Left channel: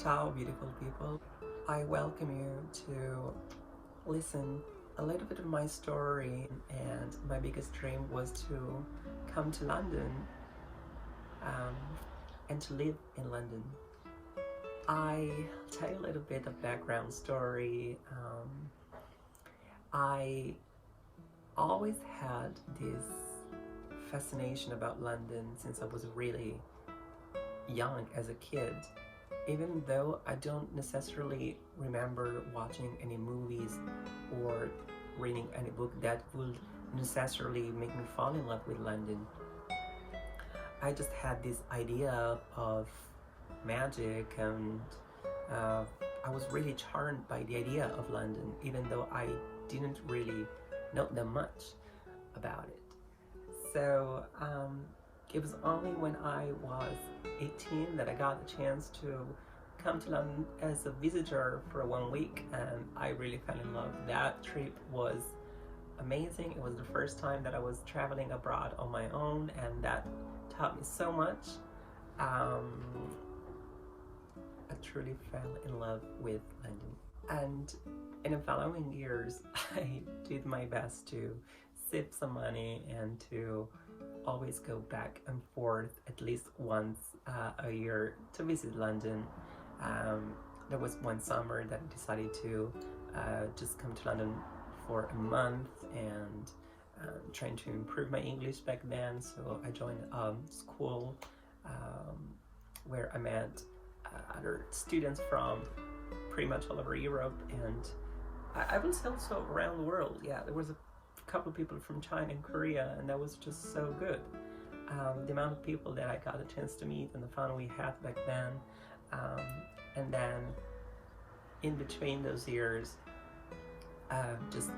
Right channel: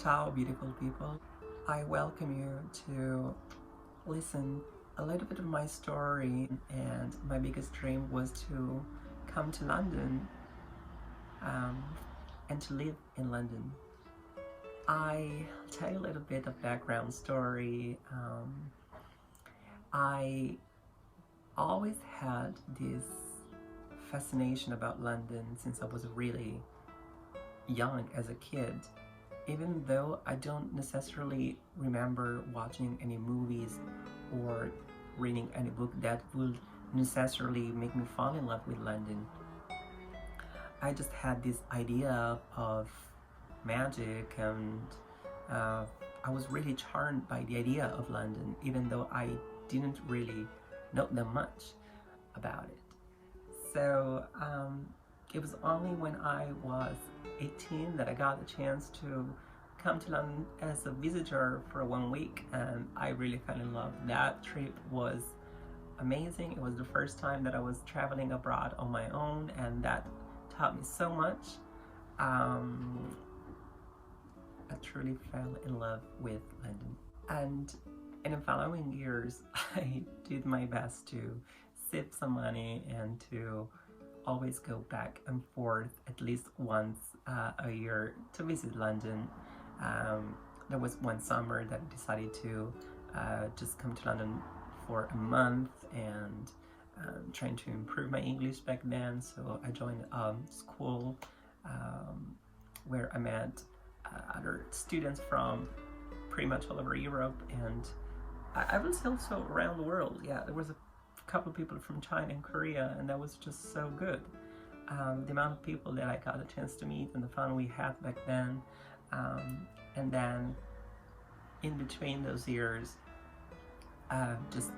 Ciao, beautiful people. I welcome you to listen a little bit of my story, and my biggest dream was to come to London um, and to live in London. I tell you a little bit of background story. I always had this fascination about London since I was really young as a kid. Even though I don't necessarily remember watching any movies or reading any book that would necessarily make me fall in love with London, I just had this idea of magic, and I was really charmed by the idea of London, even though I didn't really know that much about it. So it was only when I was 18 that I got the chance to come to London as a visitor for 1 week, and I really fell in love. That trip was amazing. It was the first time that I was traveling abroad on my own, and that taught me so much. I truly fell in love with London, and in the following years I did my best to save some money and to always go back and forth at least once a year to visit London. There was one summer that I decided to just come to London for a month, and trying to improve my English back then, so I joined a school where I met other students from pretty much all over Europe, and I was also around the world. Yeah, there was a couple of people from China and Korea, and that was just so good. The amount of people that I got a chance to meet and the fun we had back then. And then in between those years, just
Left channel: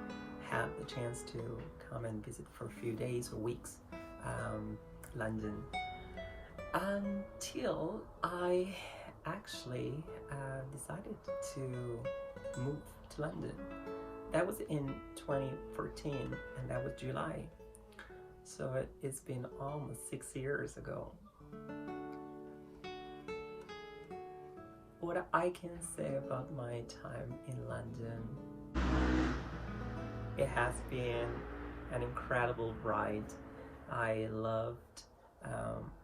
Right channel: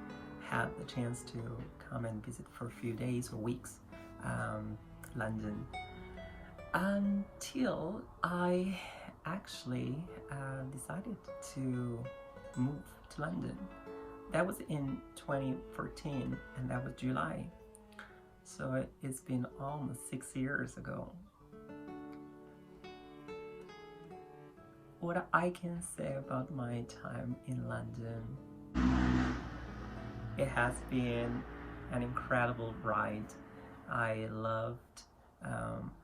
had the chance to come and visit for a few days or weeks London, until I actually decided to move to London. That was in 2014, and that was July. So it's been almost 6 years ago. What I can say about my time in London, it has been an incredible ride. I loved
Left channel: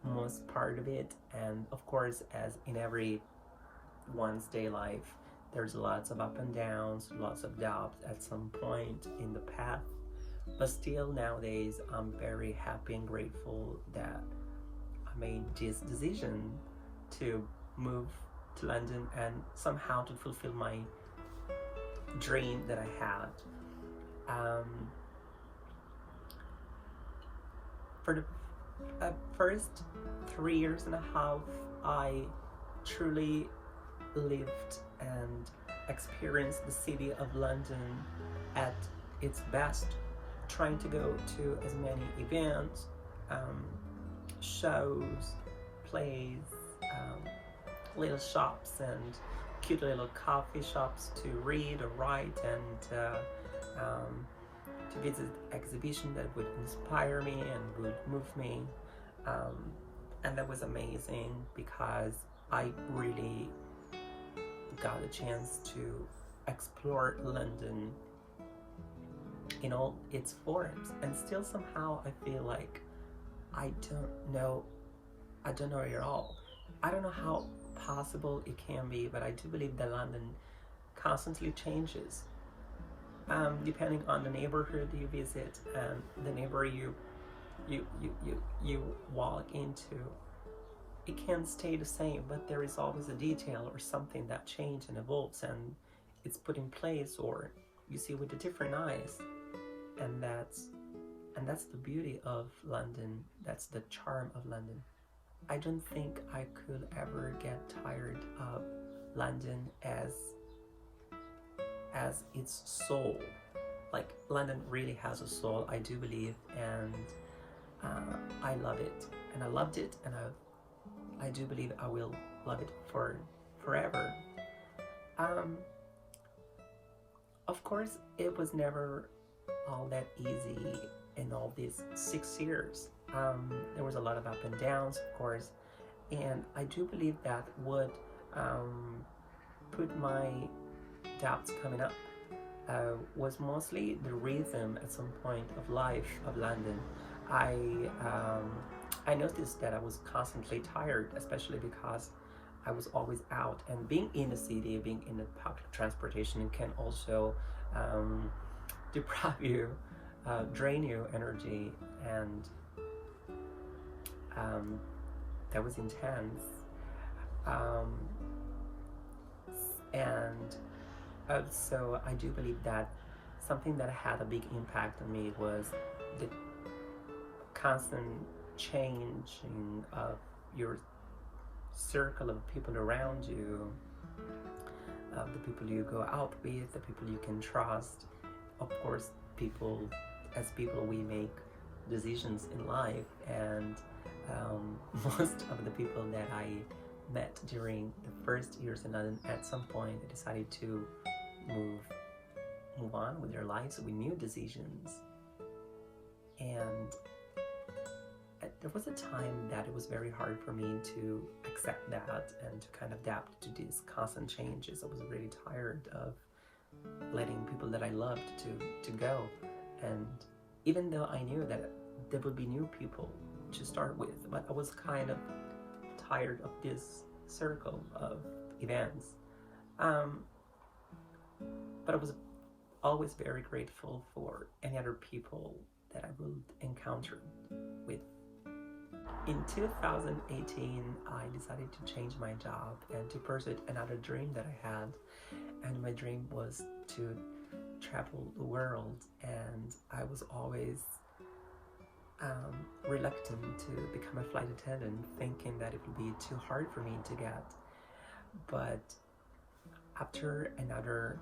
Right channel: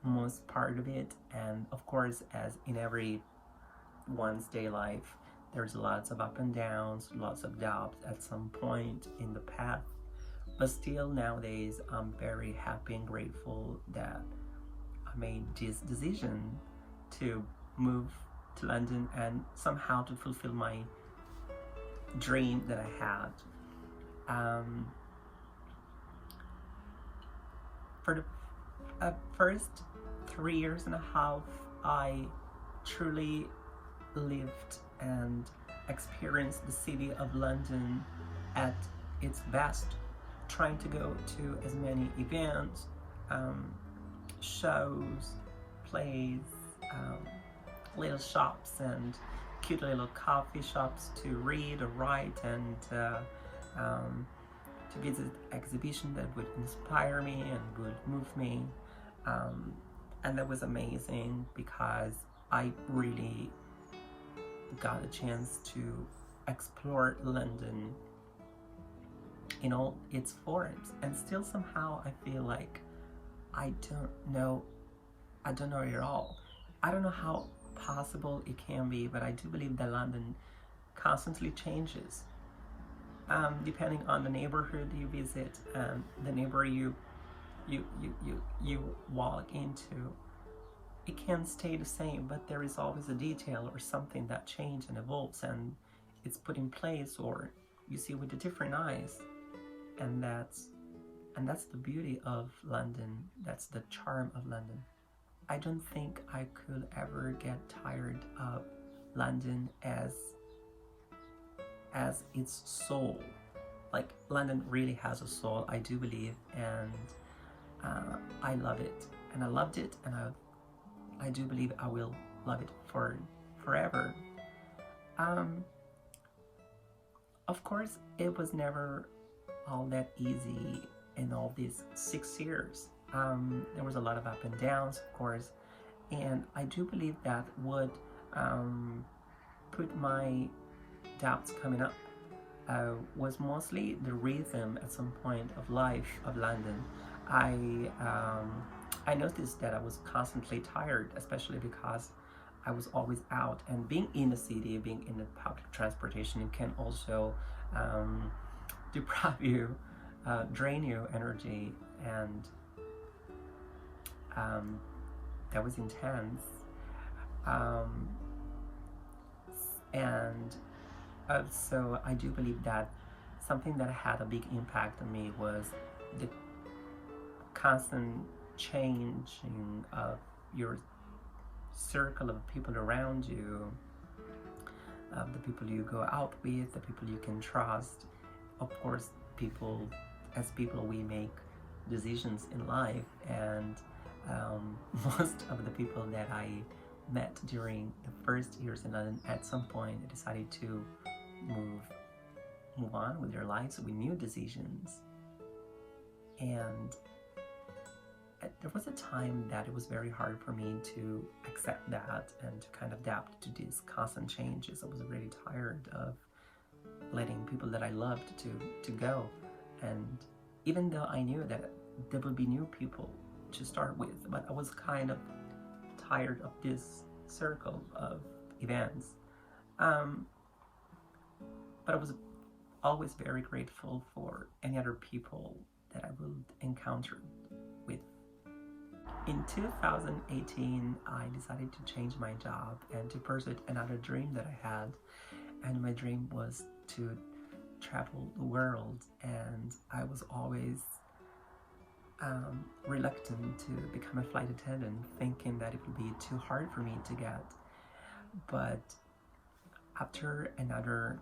most part of it, and of course, as in every one's day life, there's lots of up and downs, lots of doubts at some point in the path. But still, nowadays, I'm very happy and grateful that I made this decision to move to London and somehow to fulfill my dream that I had. For the first 3.5 years, I truly lived and experienced the city of London at its best, trying to go to as many events, shows, plays, little shops and cute little coffee shops to read or write, and to visit exhibitions that would inspire me and would move me. And that was amazing because I really got a chance to explore London in all its forms, and still somehow I feel like I don't know it all. I don't know how possible it can be, but I do believe that London constantly changes depending on the neighborhood you visit and the neighborhood you walk into. It can't stay the same, but there is always a detail or something that changes and evolves, and it's put in place, or you see with the different eyes. And that's the beauty of London. That's the charm of London. I don't think I could ever get tired of London as its soul. Like, London really has a soul, I do believe, and I love it, and I loved it, and I do believe I will love it for forever. Of course, it was never all that easy in all these 6 years. There was a lot of up and downs, of course, and I do believe that what put my doubts coming up was mostly the rhythm at some point of life of London. I noticed that I was constantly tired, especially because I was always out, and being in the city, being in the public transportation can also deprive you, drain you energy, and that was intense. Um, and So I do believe that something that had a big impact on me was the constant changing of your circle of people around you, of the people you go out with, the people you can trust. Of course, as people, we make decisions in life, and most of the people that I met during the first years in London at some point decided to move on with their lives with new decisions. And there was a time that it was very hard for me to accept that and to kind of adapt to these constant changes. I was really tired of letting people that I loved to go. And even though I knew that there would be new people to start with, but I was kind of tired of this circle of events. But I was always very grateful for any other people that I would encounter with. In 2018, I decided to change my job and to pursue another dream that I had. And my dream was to travel the world, and I was always reluctant to become a flight attendant, thinking that it would be too hard for me to get. But after another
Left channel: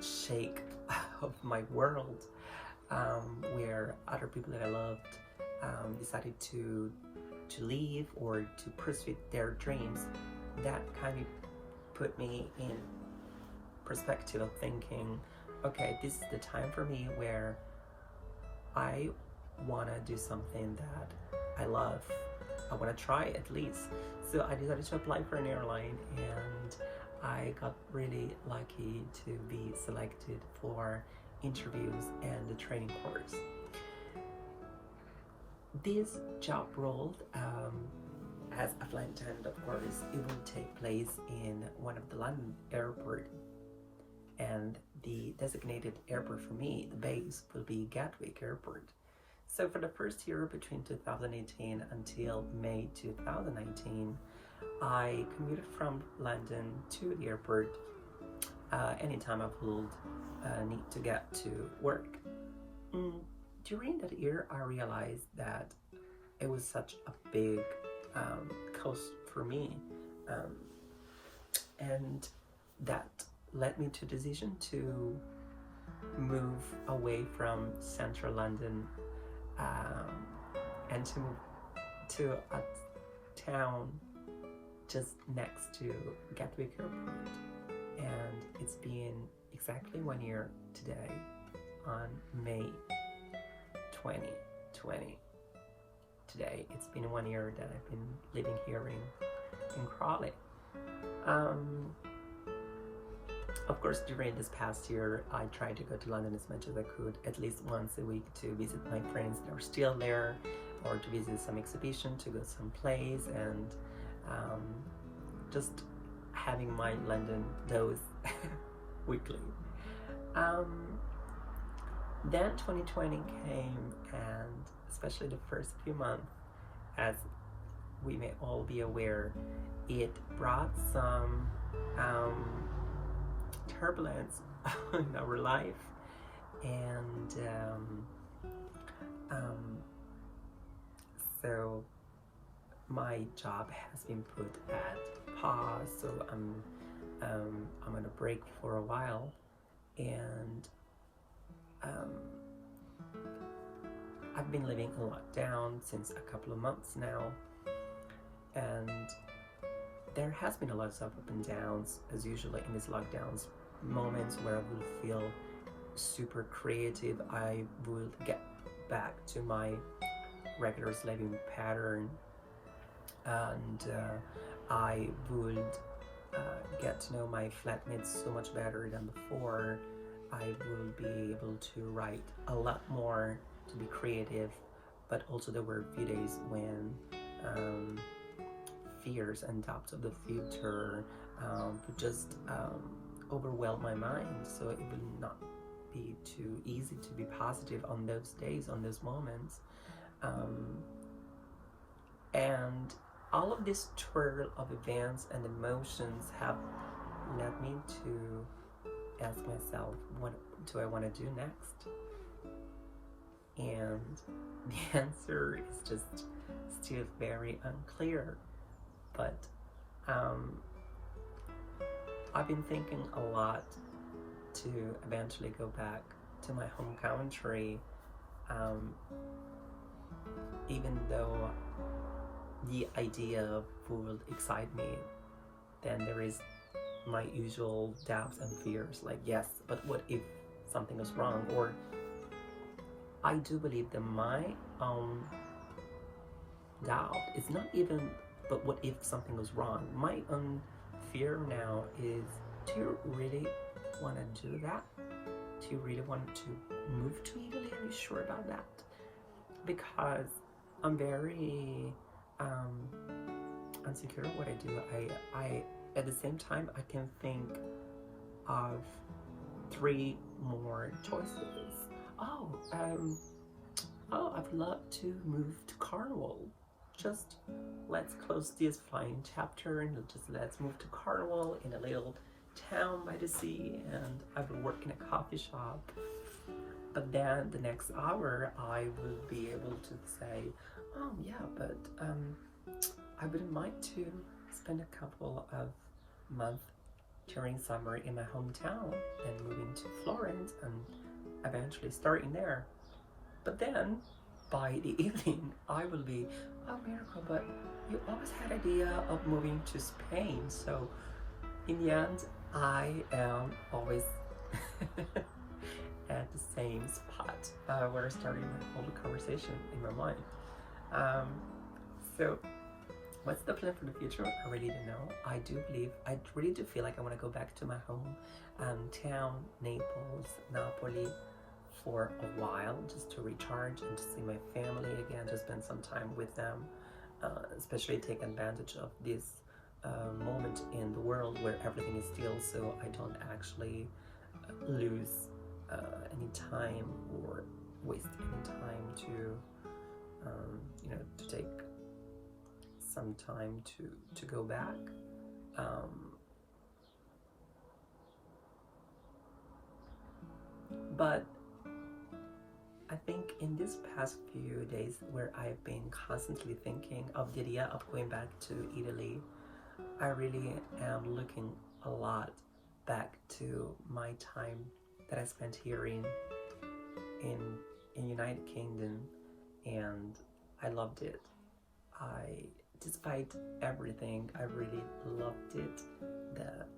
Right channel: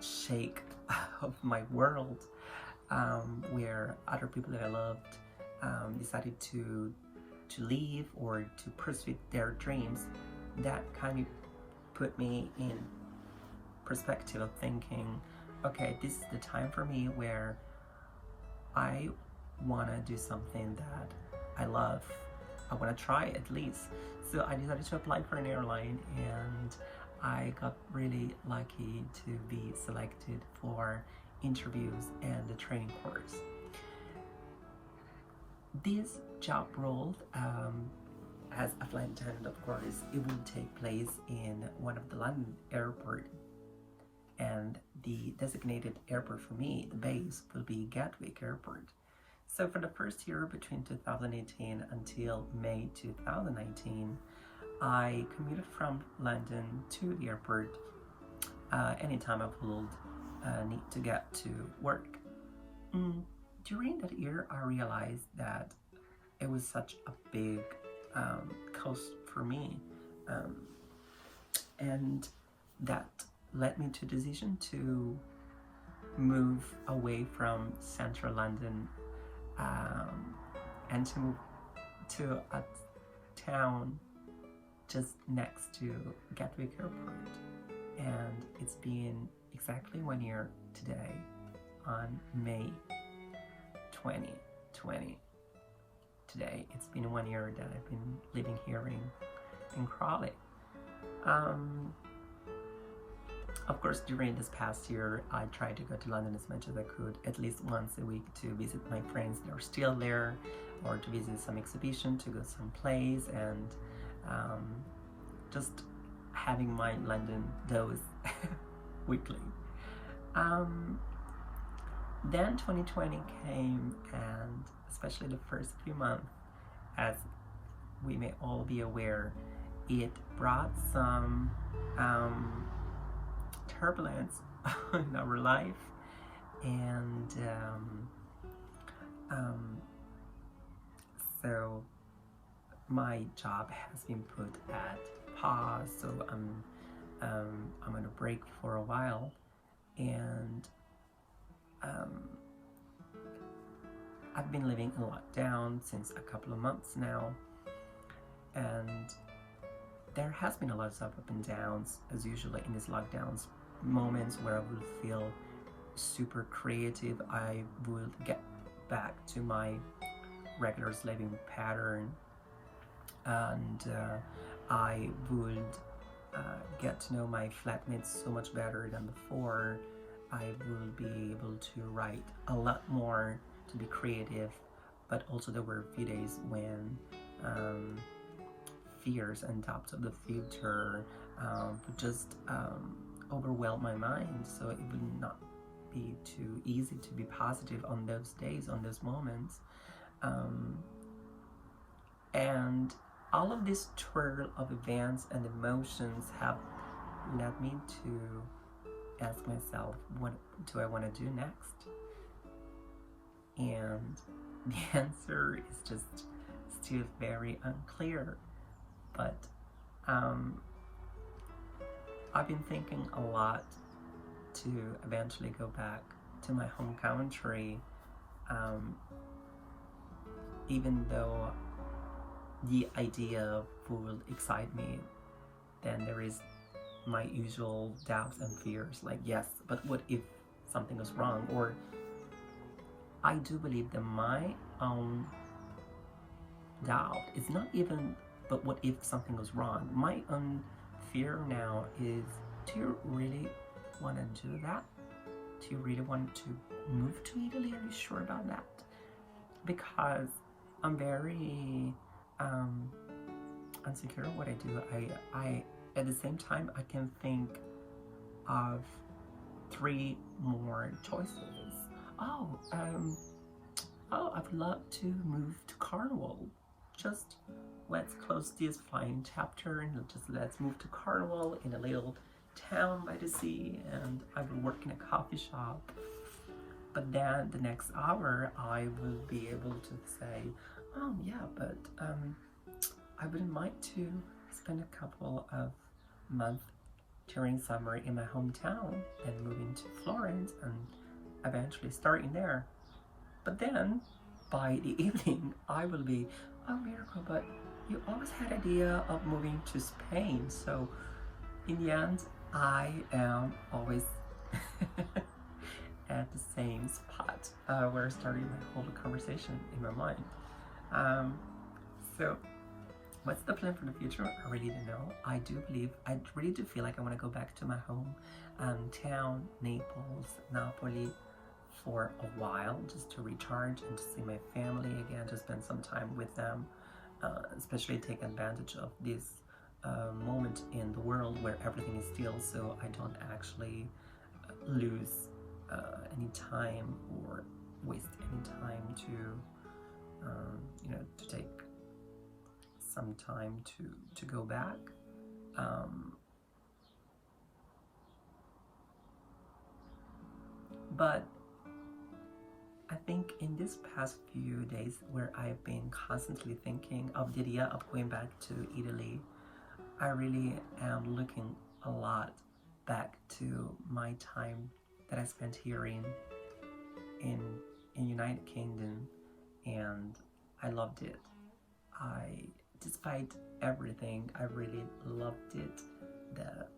shake of my world, where other people that I loved decided to leave or to pursue their dreams, that kind of put me in perspective of thinking, okay, this is the time for me where I want to do something that I love. I want to try at least. So I decided to apply for an airline, and I got really lucky to be selected for interviews and the training course. This job role, as a flight attendant, of course, it will take place in one of the London airports, and the designated airport for me, the base, will be Gatwick Airport. So for the first year between 2018 until May 2019, I commuted from London to the airport anytime I would need to get to work. During that year, I realized that it was such a big cost for me, and that led me to the decision to move away from central London and to move to a town just next to Gatwick Airport. And it's been exactly 1 year today, on May 2020. Today, it's been 1 year that I've been living here in Crawley. Of course, during this past year, I tried to go to London as much as I could, at least once a week, to visit my friends that are still there, or to visit some exhibition, to go some plays, and just having my London dose weekly. Then 2020 came, and especially the first few months, as we may all be aware, it brought some turbulence in our life, and so my job has been put at pause, so I'm on a break for a while, and I've been living in lockdown since a couple of months now, and there has been a lot of up and downs, as usually in these lockdowns, moments where I will feel super creative. I will get back to my regular living pattern, and I would get to know my flatmates so much better than before. I will be able to write a lot more, to be creative, but also there were a few days when fears and doubts of the future would just overwhelm my mind, so it would not be too easy to be positive on those days, on those moments. And all of this twirl of events and emotions have led me to ask myself, what do I want to do next? And the answer is just still very unclear. But I've been thinking a lot to eventually go back to my home country, even though the idea would excite me, then there is my usual doubts and fears, like, yes, but what if something goes wrong? Or I do believe that my own doubt is not even, but what if something goes wrong? My own fear now is, do you really want to do that? Do you really want to move to Italy? Are you sure about that? Because I'm very insecure of what I do. I at the same time, I can think of 3 more choices. I'd love to move to Cornwall. Just let's close this flying chapter and let's move to Cornwall, in a little town by the sea, and I will work in a coffee shop. But then the next hour I will be able to say, oh yeah, but I wouldn't mind to spend a couple of months during summer in my hometown and moving to Florence and eventually starting there. But then by the evening I will be, oh Miracle, but you always had idea of moving to Spain. So in the end, I am always at the same spot where I started my whole conversation in my mind. So what's the plan for the future? I really don't know. I really do feel like I want to go back to my home town, Naples, Napoli, for a while, just to recharge and to see my family again, to spend some time with them, especially take advantage of this moment in the world where everything is still, so I don't actually lose any time or waste any time to to take some time to go back. But I think in this past few days, where I've been constantly thinking of the idea of going back to Italy, I really am looking a lot back to my time that I spent here in United Kingdom, and I loved it. Despite everything, I really loved it.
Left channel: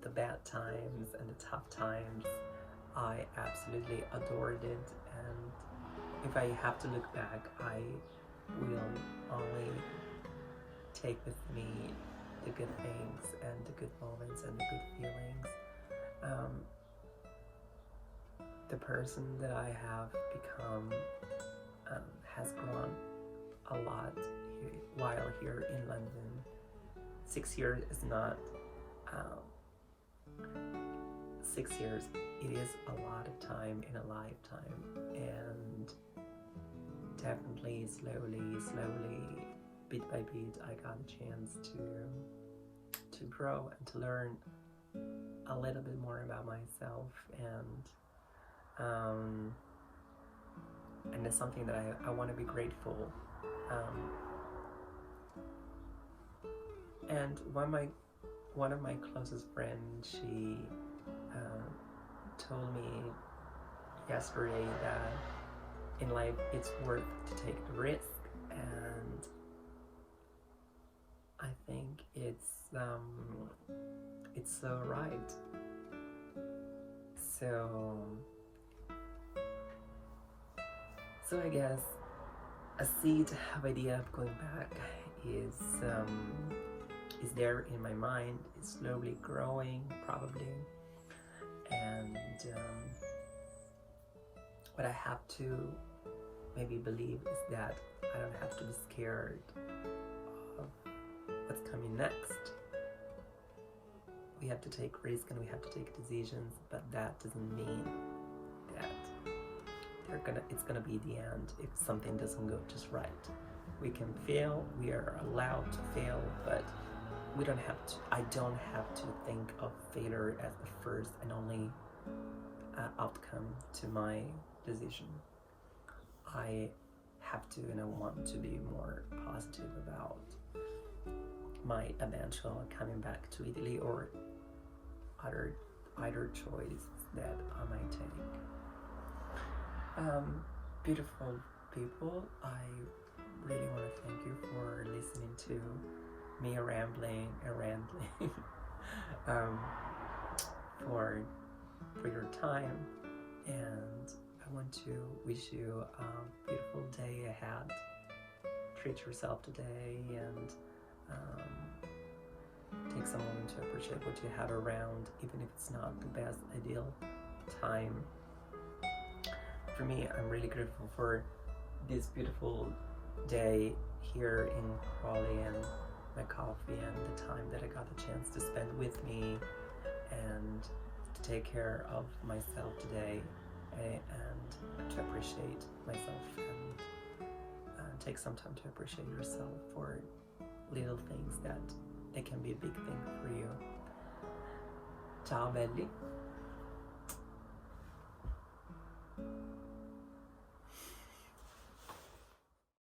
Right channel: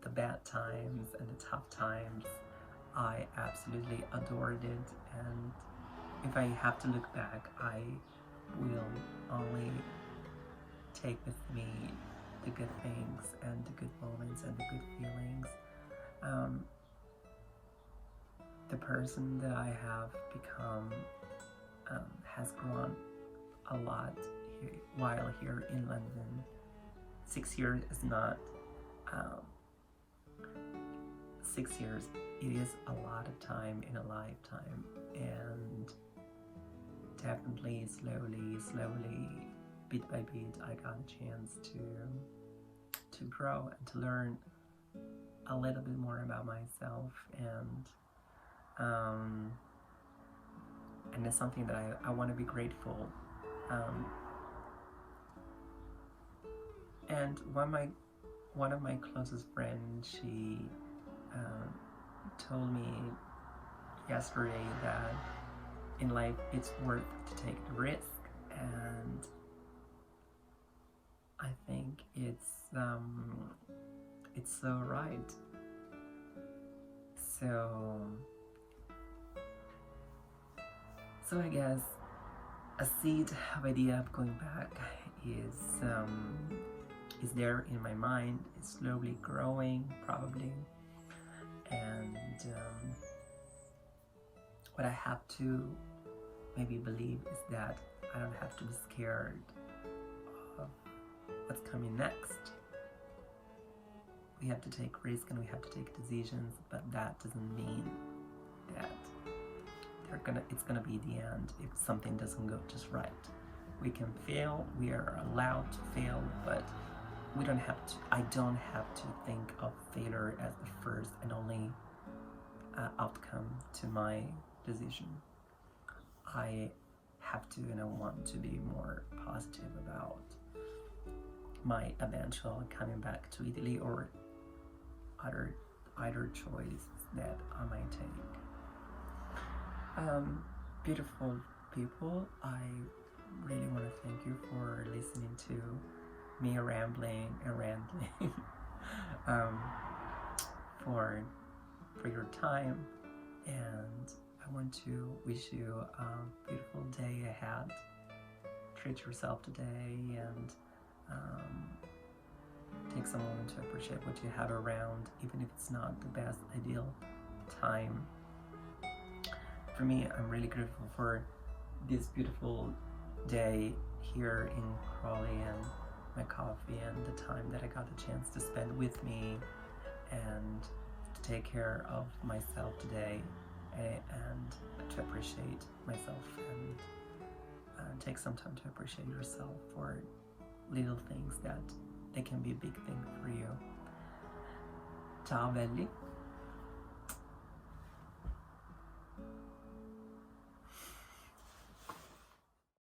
The bad times and the tough times, I absolutely adored it. And if I have to look back, I will only take with me the good things and the good moments and the good feelings. The person that I have become has grown a lot while here in London. 6 years is not 6 years. It is a lot of time in a lifetime, and definitely slowly, bit by bit, I got a chance to grow and to learn a little bit more about myself, and it's something that I want to be grateful. And one of my closest friends, she told me yesterday that in life it's worth to take the risk, and I think it's so right. So I guess a seed of idea of going back is is there in my mind. It's slowly growing, probably. And what I have to maybe believe is that I don't have to be scared of what's coming next. We have to take risks and we have to take decisions, but that doesn't mean that it's gonna be the end if something doesn't go just right. We can fail, we are allowed to fail, but we don't have to. I don't have to think of failure as the first and only outcome to my decision. I have to, and I want to be more positive about my eventual coming back to Italy or either choice that I might take. Beautiful people, I really want to thank you for listening to me rambling and rambling. For your time, and I want to wish you a beautiful day ahead. Treat yourself today and take some moment to appreciate what you have around, even if it's not the best ideal time. For me, I'm really grateful for this beautiful day here in Crawley and my coffee and the time that I got the chance to spend with me and to take care of myself today and to appreciate myself and take some time to appreciate yourself for little things that they can be a big thing for you. Ciao belli.